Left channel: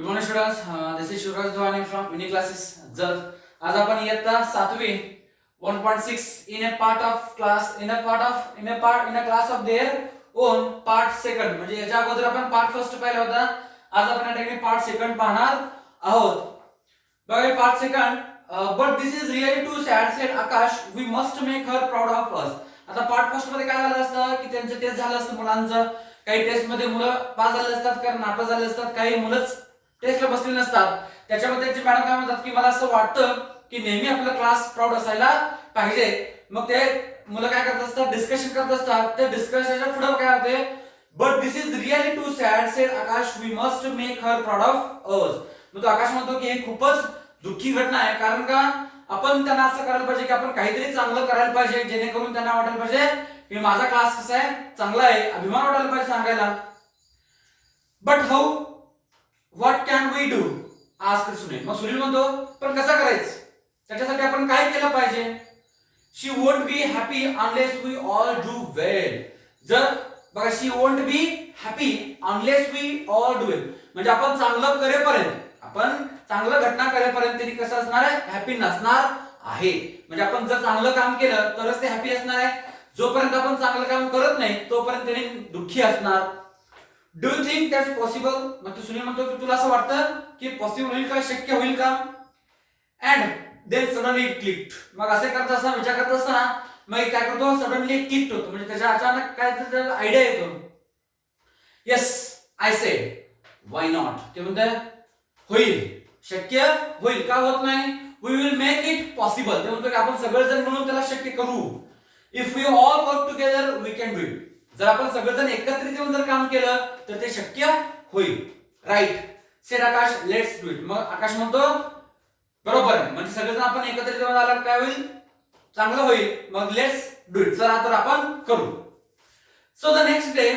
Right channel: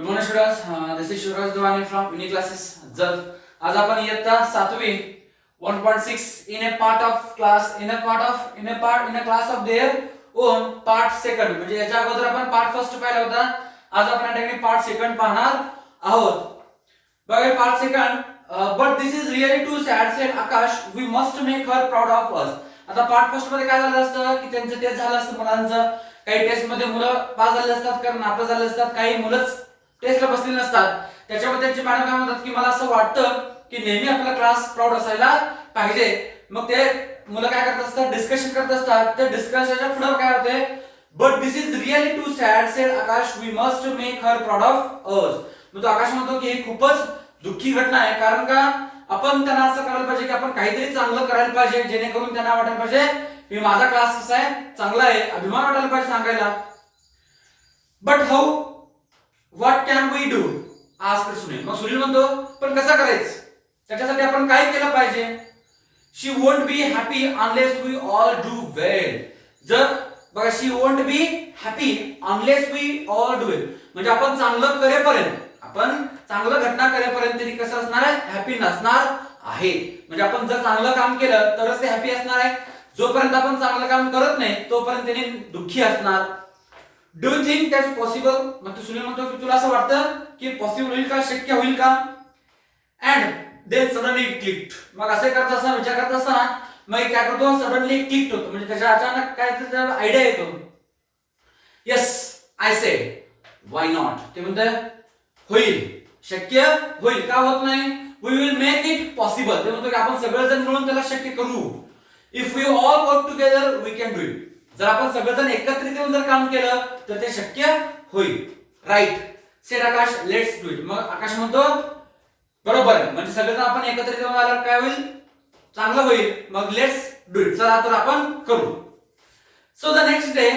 Good morning students. This is Shivraj Duwani from unique classes जल. आज आपण इयत्ता 7वी 1.6 in a part of class in a class of their own part second. म्हणजे याच्या अगोदर आपण पार्ट फर्स्ट पाहिला होता. आज आपण या ठिकाणी पार्ट सेकंड पाहणार आहोत. बघा part second. But this is really too sad said Akash, we must make her proud of us. आता पार्ट फर्स्ट मध्ये काय झालं असतं की त्यांचं टेस्ट झालं असतं मुलांचं. काही टेस्ट मध्ये मुलं पास झाले असतात, कारण नापास झाले असतात. काही मुलंच टेस्टला बसले नसतात. त्याच्यामध्ये त्यांची मॅडम काय म्हणतात की मला असं वाटतं की नेहमी आपला क्लास प्राऊड असायला पाहिजे. मग ते मुलं काय करत असतात, डिस्कशन करत असतात. ते डिस्कशनच्या पुढे काय होते, but this is really too sad said Akash, we must make her proud of us. मग तो आकाश म्हणतो की ही खूपच दुःखी घटना आहे, कारण का आपण त्यांना असं करायला पाहिजे की आपण काहीतरी चांगलं करायला पाहिजे, जेणेकरून त्यांना वाटायला पाहिजे की माझा क्लास कसा आहे, चांगला आहे, अभिमान वाटायला पाहिजे सांगायला. But how, what can we do, asked Sunil. मग सुनील म्हणतो पण कसं करायचं, त्याच्यासाठी आपण काय केलं पाहिजे. She won't be happy unless we all do well. जर बघा, she won't be happy unless we all do well, म्हणजे आपण चांगलं करेपर्यंत, आपण चांगलं घटना करेपर्यंत तरी कसं असणार आहे, हॅपी नसणार आहे. म्हणजे आपण जर चांगलं काम केलं तरच ते हॅपी असणार आहे. जोपर्यंत आपण चांगलं काम करत नाही तोपर्यंत त्यांनी दुःखी असणार. Do you think that's possible. मग तू सुनील म्हणतो की तुला असं वाटतं की पॉसिबल होईल का, शक्य होईल का. And then suddenly it clicked. मग असे करत असताना, विचार करत असताना मग काय करतो, सडनली क्लिक्ड होतो. म्हणजे त्याच्या अचानक काय त्याचा आयडिया येतो. Yes I said why not. ते म्हणतात होईल, शक्य होईल, का होत नाही. We will make it possible. ते म्हणतो की आपण सगळेजण मिळून त्याला शक्य करू. If we all work together we can do it. जर आपण सगळेजण एकत्रित येऊन जर काम केलं तर ते शक्य होईल. Right said Akash, let's do it. मग आकाश म्हणतो बरोबर आहे, म्हणजे सगळेजण आपण एकत्रित येऊन आल्यावर काय होईल, चांगलं होईल. मग लेट्स डू इट, चला तर आपण करू. So the next day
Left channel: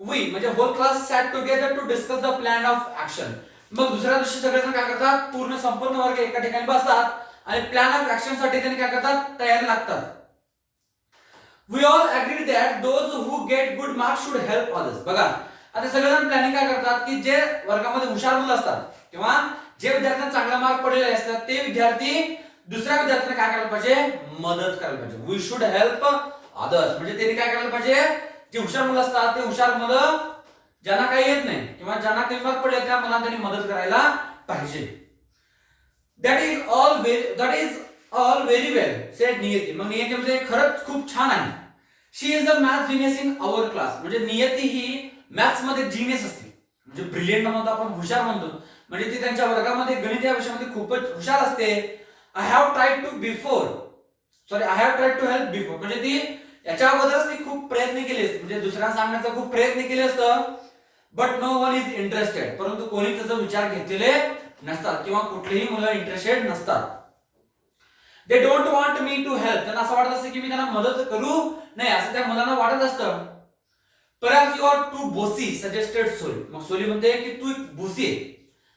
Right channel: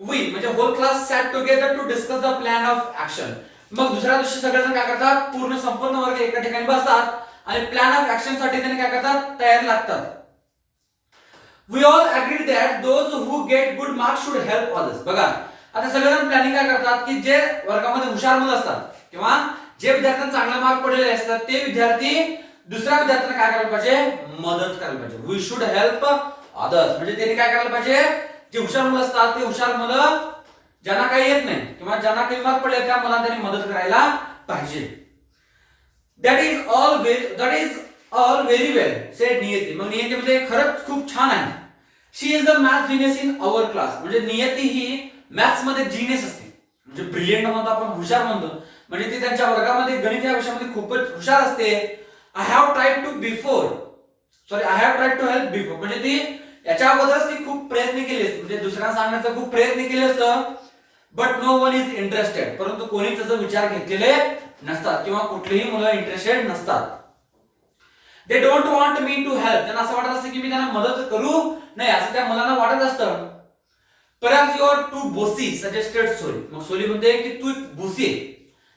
we, म्हणजे whole class sat together to discuss the plan of action. मग दुसऱ्या दिवशी सगळेजण काय करतात, पूर्ण संपूर्ण वर्ग एका ठिकाणी बसतात आणि प्लॅन ऑफ ऍक्शन साठी त्यांनी काय करतात, तयारी लागतात. We all agreed that those who get good marks should help others. बघा आता सगळेजण प्लॅनिंग काय करतात की जे वर्गामध्ये हुशार मुलं असतात किंवा जे विद्यार्थ्यांना चांगला मार्क पडलेले असतात ते विद्यार्थी दुसऱ्या विद्यार्थ्यांना काय करायला पाहिजे, मदत करायला पाहिजे. We should help others. म्हणजे त्यांनी काय करायला पाहिजे, जे हुशार मुलं असतात ते हुशार मुलं ज्यांना काही येत नाही किंवा ज्यांना काही मार्क पडले त्या मुलांना त्यांनी मदत करायला पाहिजे. That is all very well said Niyati. मग नियती म्हणजे खरंच खूप छान आहे. She is the math genius in our class. म्हणजे नियती ही मॅथ्स मध्ये जिनियस असते, म्हणजे ब्रिलियंट म्हणतो आपण, हुशार म्हणतो. म्हणजे ती त्यांच्या वर्गामध्ये गणित या विषयामध्ये खूपच हुशार असते. I have tried to help before. म्हणजे ती याच्या अगोदरच ती खूप प्रयत्न केले, म्हणजे दुसऱ्यांना सांगण्याचा खूप प्रयत्न केले असतं. But no one is interested. परंतु कोणी त्याचा विचार घेतलेले नसतात किंवा कुठलेही मुलं इंटरेस्टेड नसतात. They don't want me to help. त्यांना असं वाटत असतं की मी त्यांना मदत करू नाही, असं त्या मुलांना वाटत असतं. Perhaps you are too bossy suggested Soli. मग सोली म्हणते की तू बोसी आहे.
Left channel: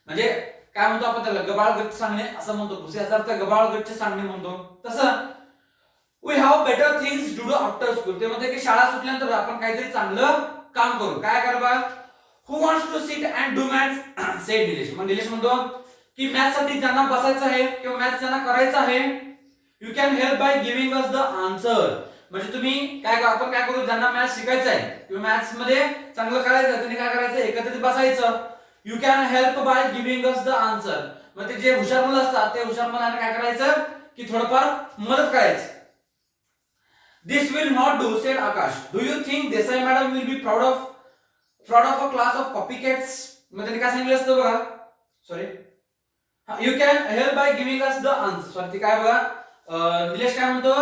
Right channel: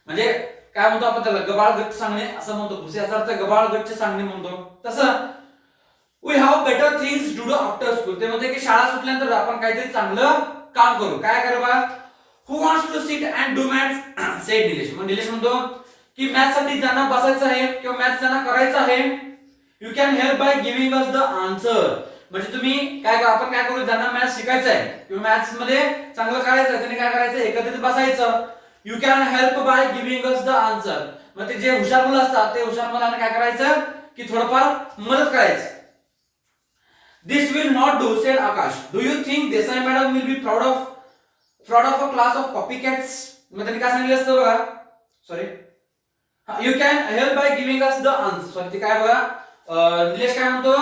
म्हणजे काय म्हणतो आपण त्याला, गबाळगच्च सांगणे असं म्हणतो. बोसी याचा अर्थ गबाळगच्च सांगणे म्हणतो. तसं we have better things to do after school. ते म्हणते की शाळा सुटल्यानंतर आपण काहीतरी चांगलं काम करू. काय करा, who wants to sit and do maths said Nilesh. मग निलेश म्हणतो की मॅथ्स साठी ज्यांना बसायचं आहे किंवा मॅथ्स ज्यांना करायचं आहे, you can help by giving us the answer. म्हणजे तुम्ही काय, आपण काय करू, ज्यांना मॅथ्स शिकायचं आहे किंवा मॅथ्स मध्ये चांगलं करायचं त्यांनी काय करायचं, एकत्रित बसायचं. You can help by giving us the answer. मग ते जे हुशार मुलं असतात ते हुशार मुलांना काय करायचं की थोडंफार मदत करायचं. This will not do said Akash. Do you think Desai madam will be proud of a class of copycats. मग त्यांनी काय सांगितलं असतं बघा, sorry, you can help by giving us the answer. Sorry, ते काय बघा, निलेश काय म्हणतो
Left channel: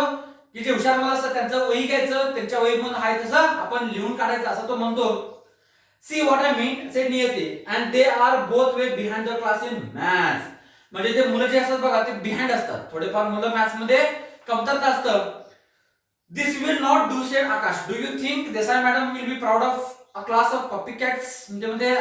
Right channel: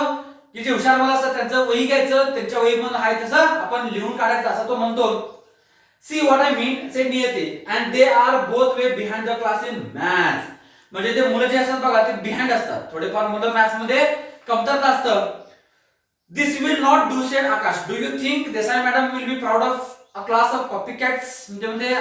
की जे हुशार मुलं असतात त्यांचं वही घ्यायचं, त्यांच्या वहीमध्ये आहे तसं आपण लिहून काढायचं असं तो म्हणतो. See what I mean sed Niyati. And they are both way behind the class in maths. म्हणजे ते मुलं जे असतात बघा ते बिहाइंड असतात, थोडेफार मुलं मॅथ्स मध्ये कमतरता असतं. This will not do said Akash. Do you think Desai madam will be proud of a class of copycats. म्हणजे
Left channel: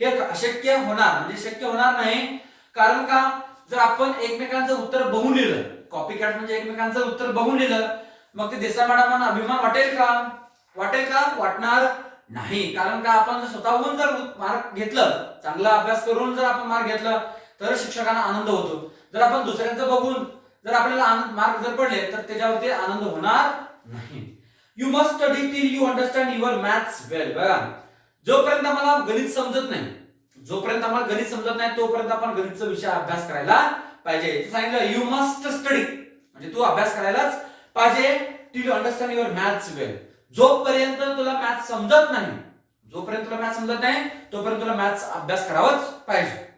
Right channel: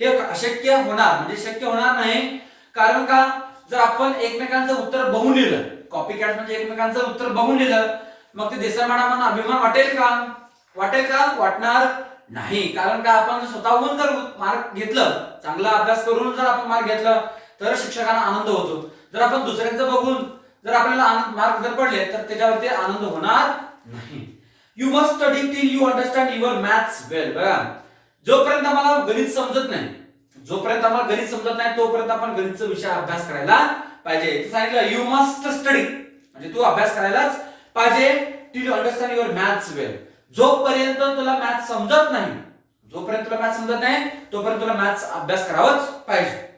हे अशक्य होणार, म्हणजे शक्य होणार नाही. कारण का, जर आपण एकमेकांचं उत्तर बघून लिहिलं, कॉपीकॅट म्हणजे एकमेकांचं उत्तर बघून लिहिलं, मग ते देसाई मॅडमांना अभिमान वाटेल का, वाटणार नाही. कारण का आपण स्वतःहून जर मार्क घेतलं, चांगला अभ्यास करून जर आपण मार्क घेतलं तर शिक्षकांना आनंद होतो. जर आपण दुसऱ्यांचं बघून जर आपल्याला मार्क जर पडले तर त्याच्यावरती आनंद होणार नाही. You must study till you understand your maths well. बघा, जोपर्यंत आम्हाला गणित समजत नाही, तोपर्यंत आपण गणितचा विषय अभ्यास करायला पाहिजे. सांगितलं यू मस्ट स्टडी म्हणजे तू अभ्यास करायलाच पाहिजे. Till you understand your maths well. जोपर्यंत तुला मॅथ्स समजत नाही, तोपर्यंत तुला मॅथ्स अभ्यास करावाच पाहिजे.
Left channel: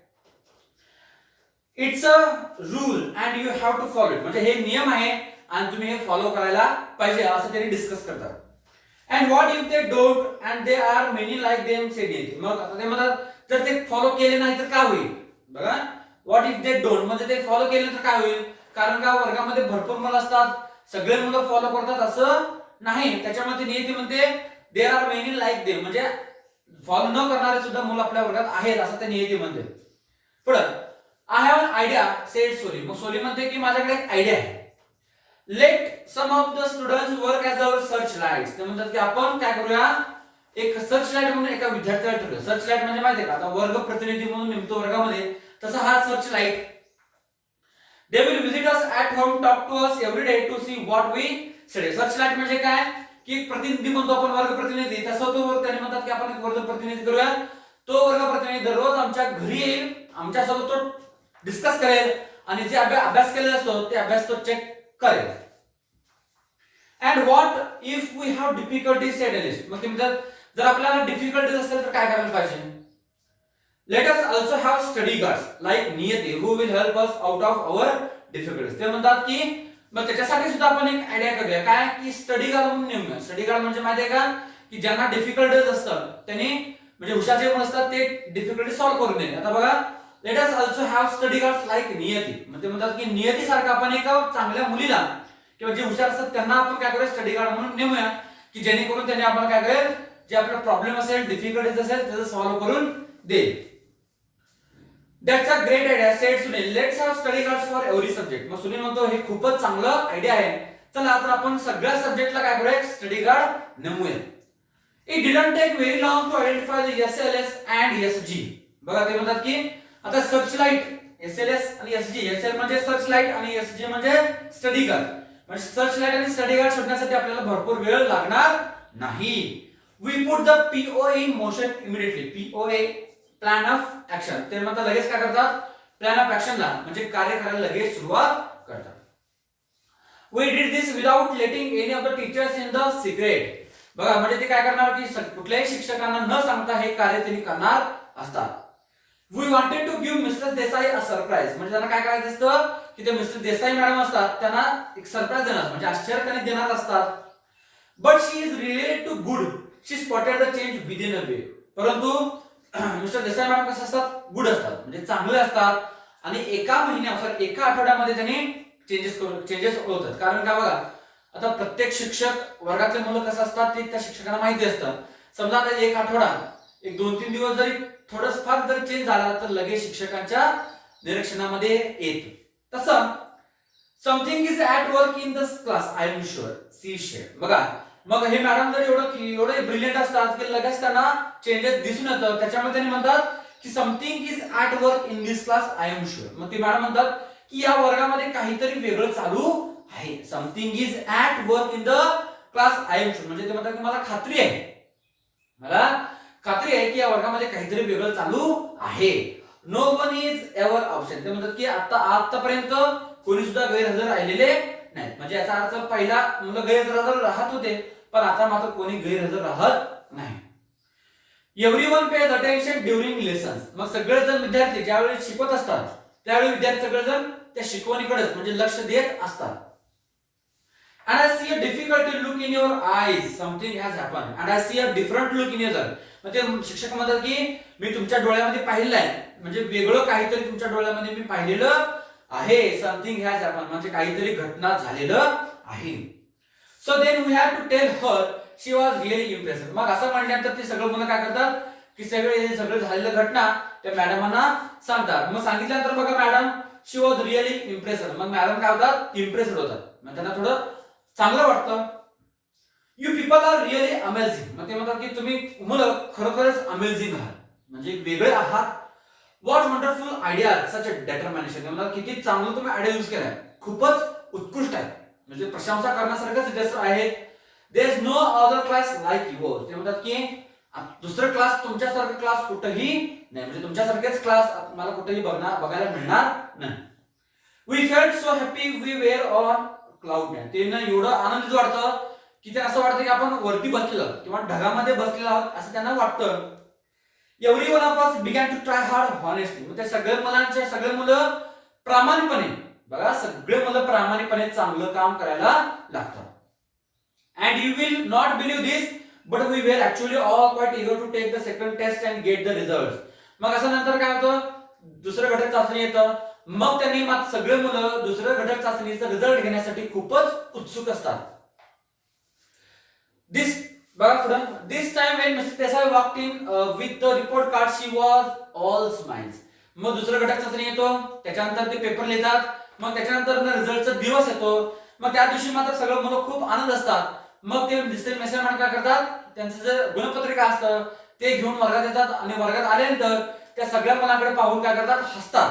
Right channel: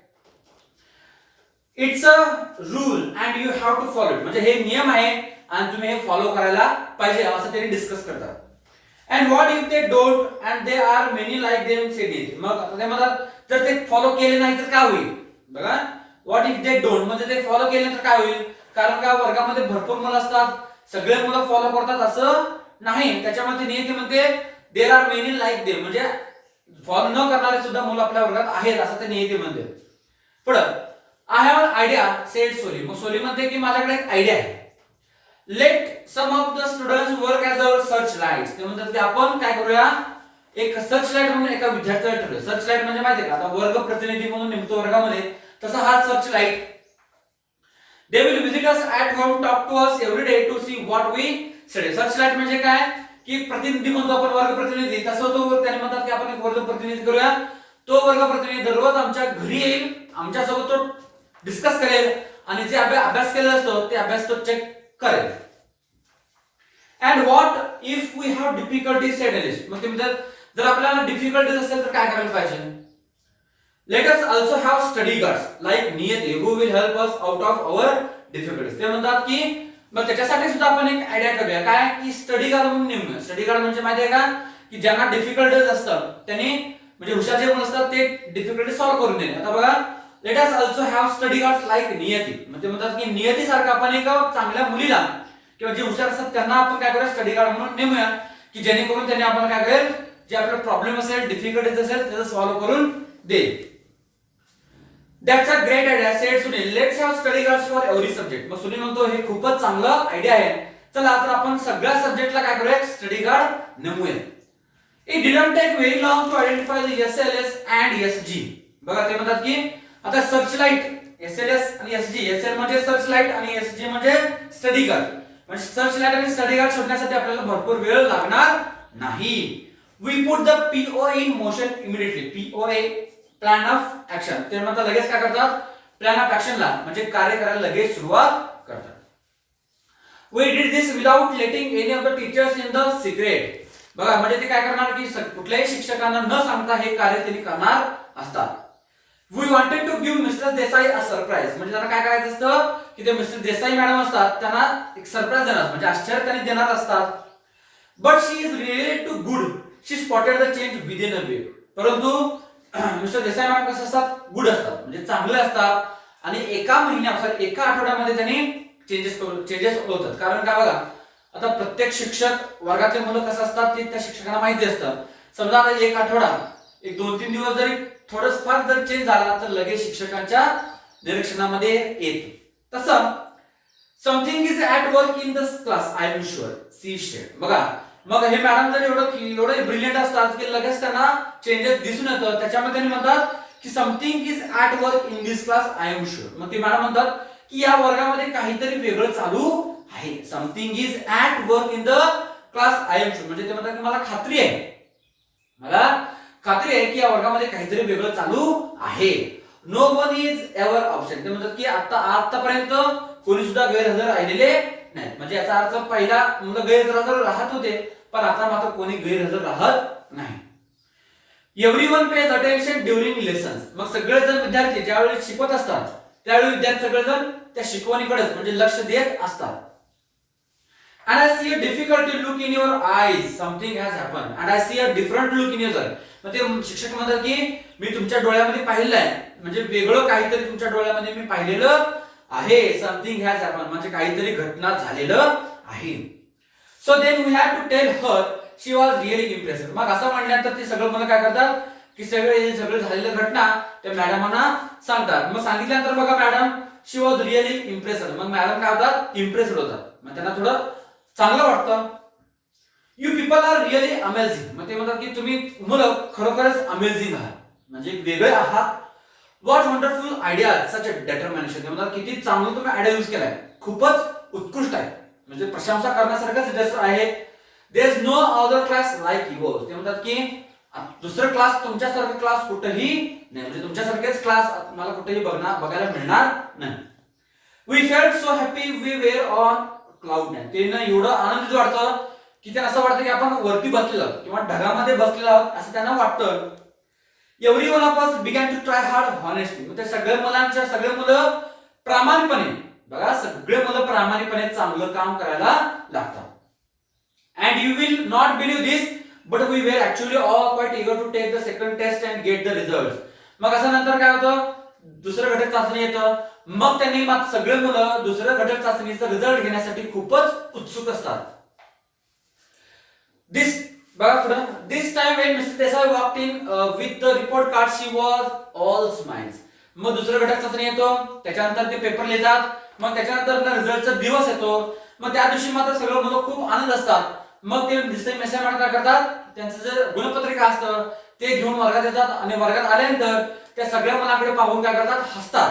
It's a rule and you have to follow it. म्हणजे हे नियम आहे आणि तुम्ही हे फॉलो करायला पाहिजे असं त्यांनी डिस्कस करतात. And what if they don't and they are many like them sed it. मग आता ते म्हणतात जर ते फॉलो केले नाही तर काय होईल. बघा, व्हॉट इफ दे डोंट म्हणजे ते फॉलो केले तर काय होईल. कारण का वर्गामध्ये भरपूर मुलं असतात, सगळे मुलं फॉलो करतात असं नाही. त्याच्यामध्ये नियती म्हणते there are many like them म्हणजे फॉलो न करणारे सुद्धा मुलं आपल्या वर्गात आहेत असं ते नियती म्हणते. पुढे I have an idea said Soli. मग सोली म्हणते की माझ्याकडे एक आयडिया आहे. Let some of the students work as our search lights. ते म्हणतात की आपण काय करूया, एक सर्च लाईट म्हणून एका विद्यार्थ्याला ठरवूया. सर्च लाईट म्हणजे माहिती आहे का, आता वर्ग प्रतिनिधी म्हणून नेमतो वर्गामध्ये, तसा हा search light. They will visit us at home, talk to us every day to see what we study. Search light म्हणजे काय की प्रतिनिधी म्हणतो आपण वर्ग प्रतिनिधी, तसं तो त्याने म्हणतात की आपण एक वर्ग प्रतिनिधी करूया. तो वर्ग प्रतिनिधी दररोज आमच्या घरी येईल, आमच्यासोबत तो डिस्कस करेल आणि जे अभ्यास केलेला असतो ते अभ्यास तो चेक करेल. And what if we have difficulties said list. मग ते म्हणतात जर आपल्याला डिफिकल्टीज असेल तर काय करायला पाहिजे. Late us also have study guards like Niyati who will help us out of our difficulties. ते म्हणतात की मग त्याच्यासाठी सुद्धा आपण एक आयडिया करूया काय की स्टडी गार्ड म्हणून नेमूया. स्टडी गार्ड म्हणजे माहिती आहे का की ज्यांना डिफिकल्टीज असतात त्यांनी म्हणजे हुशार जे कोण असतात ते डिफिकल्टी सॉल्व्ह करून देणे. आता बघा, let us also have study guards like Niyati. म्हणजे म्हणतात की नियती सारखं आपण एका चांगल्या मुलीला किंवा जे हुशार असतात त्यांना आपण काय करूया स्टडी गार्ड म्हणून नेमूया की जेणेकरून त्यांनी आपण काय करेल जे आपला प्रॉब्लेम असेल डिफिकल्टीज असेल त्याचं सॉल्व्ह करून देईल. That's a great idea sed Sunil. Let's have study guards for every subject. मग सुनील म्हणतो हे खूपच चांगलं आयडिया आहे, चला आता आपण सगळ्या सब्जेक्टला काय करूया स्टडी गार्ड नेमूया. It didn't take very long to identify the SLS and SG. बघा ते म्हणतात की आता सर्च लाईट एसएलएस आणि एसजी. एसएल म्हणजे सर्च लाईट आणि एसजी म्हणजे स्टडी गार्ड. म्हणजे सर्च लाईट आणि स्टडी गार्ड शोधण्यासाठी आपल्याला भरपूर वेळ लागणार नाही. We put the PO in motion immediately. POA plan of action. ते म्हणतात लगेच काय करतात प्लॅन ऑफ ऍक्शनला म्हणजे कार्य करायला लगेच सुरुवात करतात. We did this without letting any of the teachers in the secret. बघा म्हणजे ते काय करणार की कुठल्याही शिक्षकांना न सांगता हे कार्य त्यांनी करणार असतात. We wanted to give mister Desai a surprise. म्हणजे त्यांना काय करायचं असतं की ते मिस्टर देसाई मॅडम असतात त्यांना एक सरप्राईज देणार म्हणजे आश्चर्य त्यांनी देणार असतात. But she is really too good, she spotted the change within a way. परंतु मिस्टर देसाई मॅडम कसं असतात गुड असतात म्हणजे चांगले असतात आणि एका आठवड्यामध्ये त्यांनी चेंजेस होतात. कारण काय बघा आता प्रत्येक शिक्षक वर्गातले मुलं कसं असतात ते त्या शिक्षकांना माहिती असतं. समजा आता एक आठवडा एक 2-3 दिवस जरी थोडंच फार जर चेंज झाला तर लगेच शिक्षकांच्या निरीक्षणामध्ये येतो. तसं something is at work in the class I am sure she said. बघा मग हे मॅडम जर एवढे ब्रिलियंट असतात की लगेच त्यांना चेंजेस दिसून येतात. त्याच्यामध्ये त्यांनी म्हणतात की something is at work in this class I am sure. मग ते मॅडम म्हणतात की या वर्गामध्ये काहीतरी वेगळं चालू आहे. Something is at work in the class I am sure म्हणजे ते म्हणतात की मला खात्री आहे की या वर्गामध्ये काहीतरी वेगळं चालू आहे. No one is ever absent. ते म्हणतात की आतापर्यंत कोणी सुद्धा गैरहजर राहिलेले नाही. म्हणजे याचा अर्थ पहिला मुलं गैरहजर राहत होते पण आता मात्र कोणी गैरहजर राहत नाही. Everyone page attention during lessons. मग सगळेजण विद्यार्थी ज्यावेळी शिकवत असतात त्यावेळी विद्यार्थी सगळेजण त्या शिकवणीकडेच म्हणजे लक्ष देत असतात. And I see a difficulty look in your eyes. Something has happened. And I see a different look in your eyes. मग ते शिक्षक म्हणतात की मी तुमच्या डोळ्यामध्ये पाहिलं आहे म्हणजे वेगळं काहीतरी तुमच्या डोळ्यामध्ये मी पाहिलेलं आहे. समथिंग हॅज हॅपन म्हणजे काहीतरी घटना झालेलं आहे. So then we have to tell her she was really impressed. मग असं म्हणल्यानंतर ते सगळं मुलं काय करतात की सगळं झालेलं घटना त्या मॅडमांना सांगतात. मग सांगितल्यानंतर बघा madam she was really impressed. मग मॅडम काय होतात इम्प्रेस्ड होतात. मग त्यांना थोडं चांगलं वाटतं. You people are really amazing. मग ते म्हणतात की तुम्ही मुलं खरोखरच अमेझिंग आहात, म्हणजे वेगळे आहात. What wonderful idea, such a determination. म्हणतात किती चांगलं तुम्ही आयडिया यूज केलाय, खूपच उत्कृष्ट आहे, म्हणजे प्रशंसा करण्यासारखंच जस्ट आहे. There is no other class like yours. ते म्हणतात की दुसरं क्लास तुमच्यासारखं क्लास कुठेही नाही, म्हणजे तुमच्यासारखेच क्लास मला कुठेही बघायला मिळणार नाही. We felt so happy we were on cloud nine. ते ना एवढं आनंदित वाटतं की ते असं वाटतं की आपण वरती बसलेलो आहोत किंवा ढगामध्ये बसलेलो आहोत असं त्यांना वाटतं. Every one of us began to try hard honestly. म्हणजे सगळे मुलं प्रामाणिकपणे, बघा सगळे मुलं प्रामाणिकपणे चांगलं काम करायला लागतात. And you will not believe this but we were actually all quite eager to take the second test and get the result. मग असं नंतर काय होतं, दुसरं घटक चाचणी येतं. मग त्यांनी मग सगळे मुलं दुसऱ्या घटक चाचणीचा रिझल्ट घेण्यासाठी खूपच उत्सुक असतात. दिस बघा पुढं, this time when mister Desai walked in with the report card she was all smiles. मग दुसरं घटक चाचणी येतो, त्याच्यानंतर ते पेपर लिहितात, मग त्याच्यानंतर रिझल्टचा दिवस येतो. मग त्या दिवशी मात्र सगळं मुलं खूप आनंद असतात. मग ते मिस्टर देसाई मॅडम काय करतात, त्यांचं जे गुणपत्रिका असतं ते घेऊन वर्गात येतात आणि वर्गात आल्यानंतर त्या सगळ्या मुलांकडे पाहून काय करतात, हसतात.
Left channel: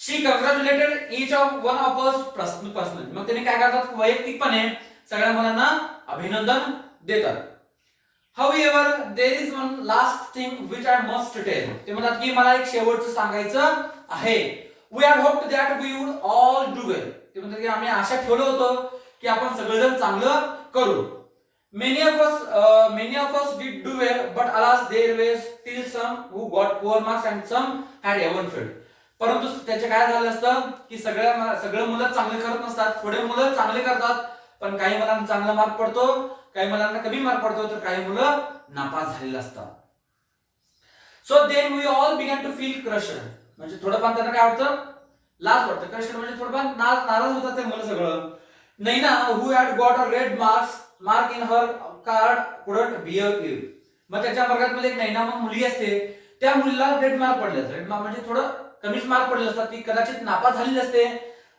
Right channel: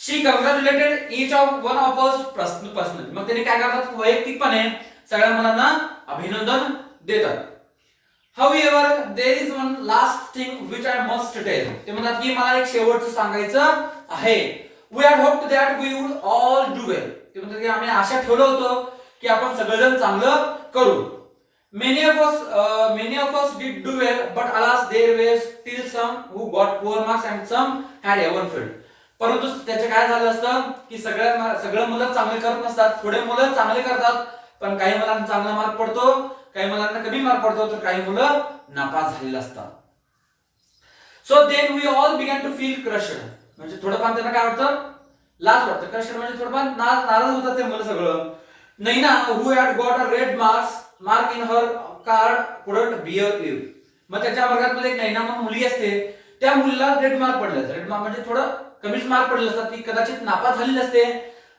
She congratulated each of one of us personally. मग त्यांनी काय करतात, वैयक्तिकपणे सगळ्या मुलांना अभिनंदन देतात. However, there is one last thing which I must tell. ते म्हणतात की मला एक शेवटचं सांगायचं आहे. We had hoped that we would all do well. ते म्हणतात की आम्ही आशा ठेवलं होतं की आपण सगळेजण चांगलं करू. Many of us did do well, but alas, there were still some who got poor marks and some had even failed. परंतु त्याचे काय झालं असतं की सगळं मुलं चांगले करत नसतात, थोडे मुलं चांगले करतात, पण काही मुलांना चांगला मार्क पडतो, काही मुलांना कमी मार्क पडतो, तर काही मुलं नापास झालेले असतात. So then we all began to feel crushed. म्हणजे थोडंफार त्यांना काय वाटतं, लाज वाटतं. क्रशड म्हणजे थोडंफार नाराज होतात ते मुलं सगळं. Naina who had got a red mark in her card couldn't bear it. मग त्याच्या वर्गात मध्ये एक नैना म्हणून मुली असते, त्या मुलीला रेड मार्क पडले. रेड मार्क म्हणजे थोडं कमीच मार्क पडले असतात, ती कदाचित नापास झालेली असते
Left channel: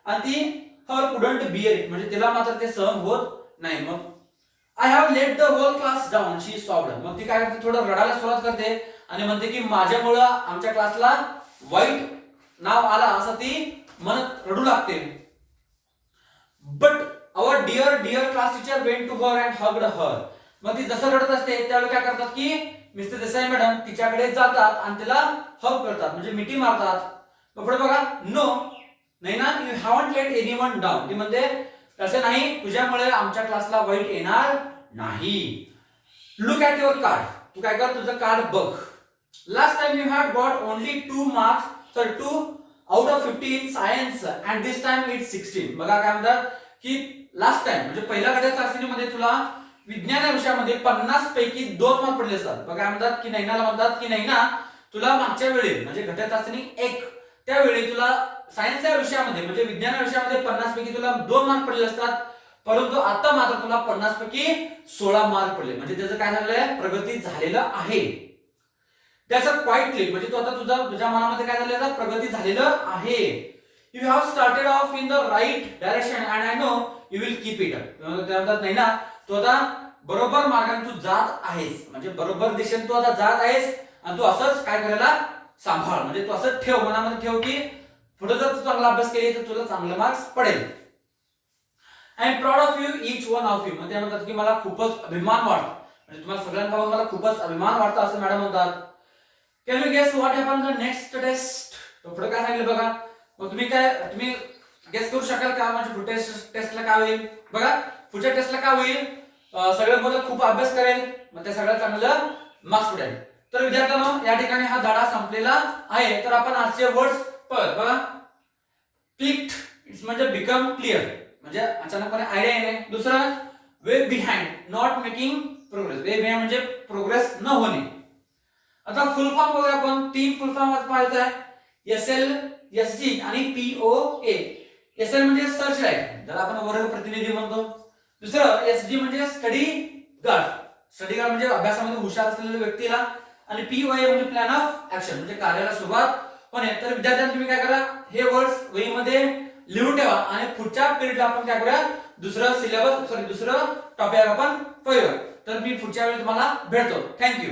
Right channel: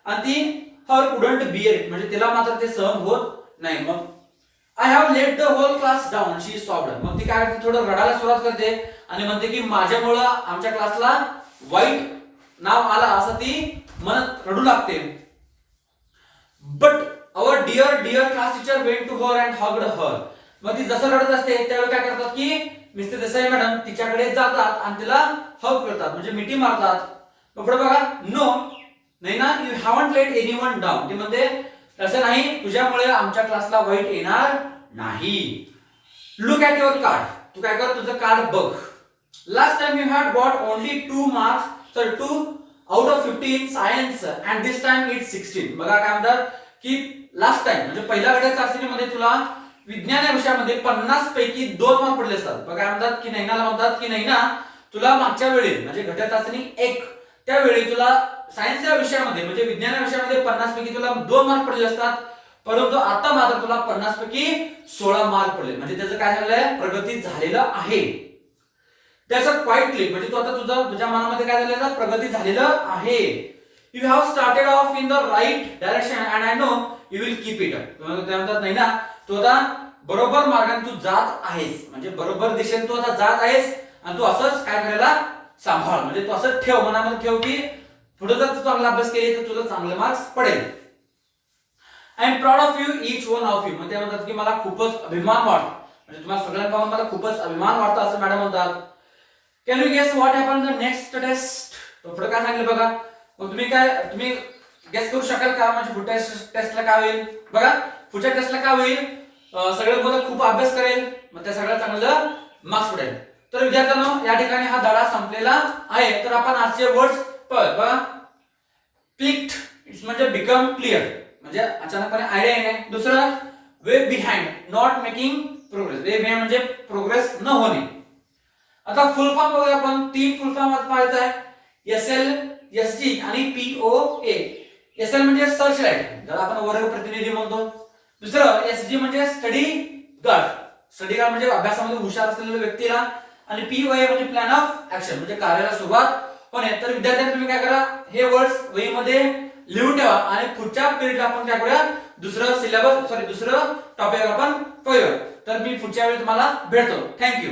आणि ती हर कुडंट बिअर इट, म्हणजे तिला मात्र ते सहन होत नाही. मग I have let the whole class down she sobbed. मग ती काय करते, थोडं रडायला सुरुवात करते आणि म्हणते की माझ्यामुळं आमच्या क्लासला वाईट नाव आला असं ती म्हणत रडू लागते. But our dear class teacher went to her and hugged her. मग ती जसं रडत असते त्यावेळी काय करतात की मिस्टर देसाई मॅडम तिच्याकडे जातात आणि तिला हग करतात, म्हणजे मिठी मारतात. मग पुढे बघा, no Naina you haven't let anyone down. ती म्हणते तसं नाही, तुझ्यामुळे आमच्या क्लासला वाईट येणार नाही. Look at your card. तू काय कर, तुझं कार्ड बघ. Last time you had got only 2 marks, तर 2 out of 50 in science and this time it's 16. बघा काय म्हणतात की लास्ट टाइम म्हणजे पहिल्या गटाच्या चाचणीमध्ये तुला विज्ञान या विषयामध्ये 50 पैकी 2 मार्क पडले असतात. बघा म्हणतात की नैनाला म्हणतात की नैना तुला मागच्या वेळी म्हणजे घटक चाचणी 1 त्यावेळी तुला सायन्स या विषयामध्ये म्हणजे विज्ञान या विषयामध्ये 50 पैकी तुला 2 मार्क पडले असतात, परंतु आता मात्र तुला 50 पैकी 16 मार्क पडले, म्हणजे त्याचं काय झालंय, प्रगती झालेलं आहे. त्याचं क्वाइट क्लिक म्हणजे तो आता तुझ्या मनामध्ये काय झालेलं, प्रगती झालेलं आहे. You have started off in the right direction and I know you will keep it. त्यानंतर नाही ना, तू आता बरोबर मार्गाने तू जात आहेस, म्हणजे बरोबर दिशेने तू आता जात आहेस आणि तू असंच काय करायला सांभाळ, म्हणजे तू असं ठेव, मनामध्ये ठेव की पुढे जर तू चांगला अभ्यास केली तर तुला चांगले मार्क्स पडेल. I am proud of you each one of you. म्हणजे म्हणतात की मला खूपच अभिमान वाटतो, म्हणजे तुम्हाला सगळ्यांना पाहून मला खूपच अभिमान वाटतो असं मॅडम म्हणतात. Can you guess what happen the next test. तो पुढे काय सांगितलं बघा. मग तुम्ही गेस करू शकाल का, म्हणजे पुढच्या टेस्टला काय होईल. बघा पुढच्या टेस्टला काय होईल, सगळे मुलं खूप अभ्यास करेल, मग त्या सगळ्यात चांगलं मार्क्स पडेल. तर विद्यार्थ्यांनो या ठिकाणी हा धडा संपलेला आहे. तर आपण आजचे वर्ड्स बघा. क्लिक्ड इट्स म्हणजे बिकम क्लिअर, म्हणजे अचानकपणे आयडिया येणे. दुसरं way behind not making progress. Way behind म्हणजे प्रोग्रेस न होणे. आता फुल फॉर्म बघूया आपण. 3 फुल फॉर्म पाहायचं आहे, SL SG आणि POA. SL म्हणजे सर्च लाईट, ज्याला आपण वर्ग प्रतिनिधी म्हणतो. दुसरं SG म्हणजे स्टडी गार्ड. स्टडी गार्ड म्हणजे अभ्यासामध्ये हुशार असलेल्या व्यक्तीला. आणि POA म्हणजे प्लॅन ऑफ ऍक्शन, म्हणजे कार्याला सुरुवात होणे. तर विद्यार्थ्यांनी तुम्ही काय करा, हे वर्ड्स वहीमध्ये लिहून ठेवा आणि पुढच्या पिरियडला आपण काय करूया दुसरं सिलेबस दुसरं टॉपिक आपण पाहूया. तर मी पुढच्या वेळी तुम्हाला भेटतो. थँक्यू.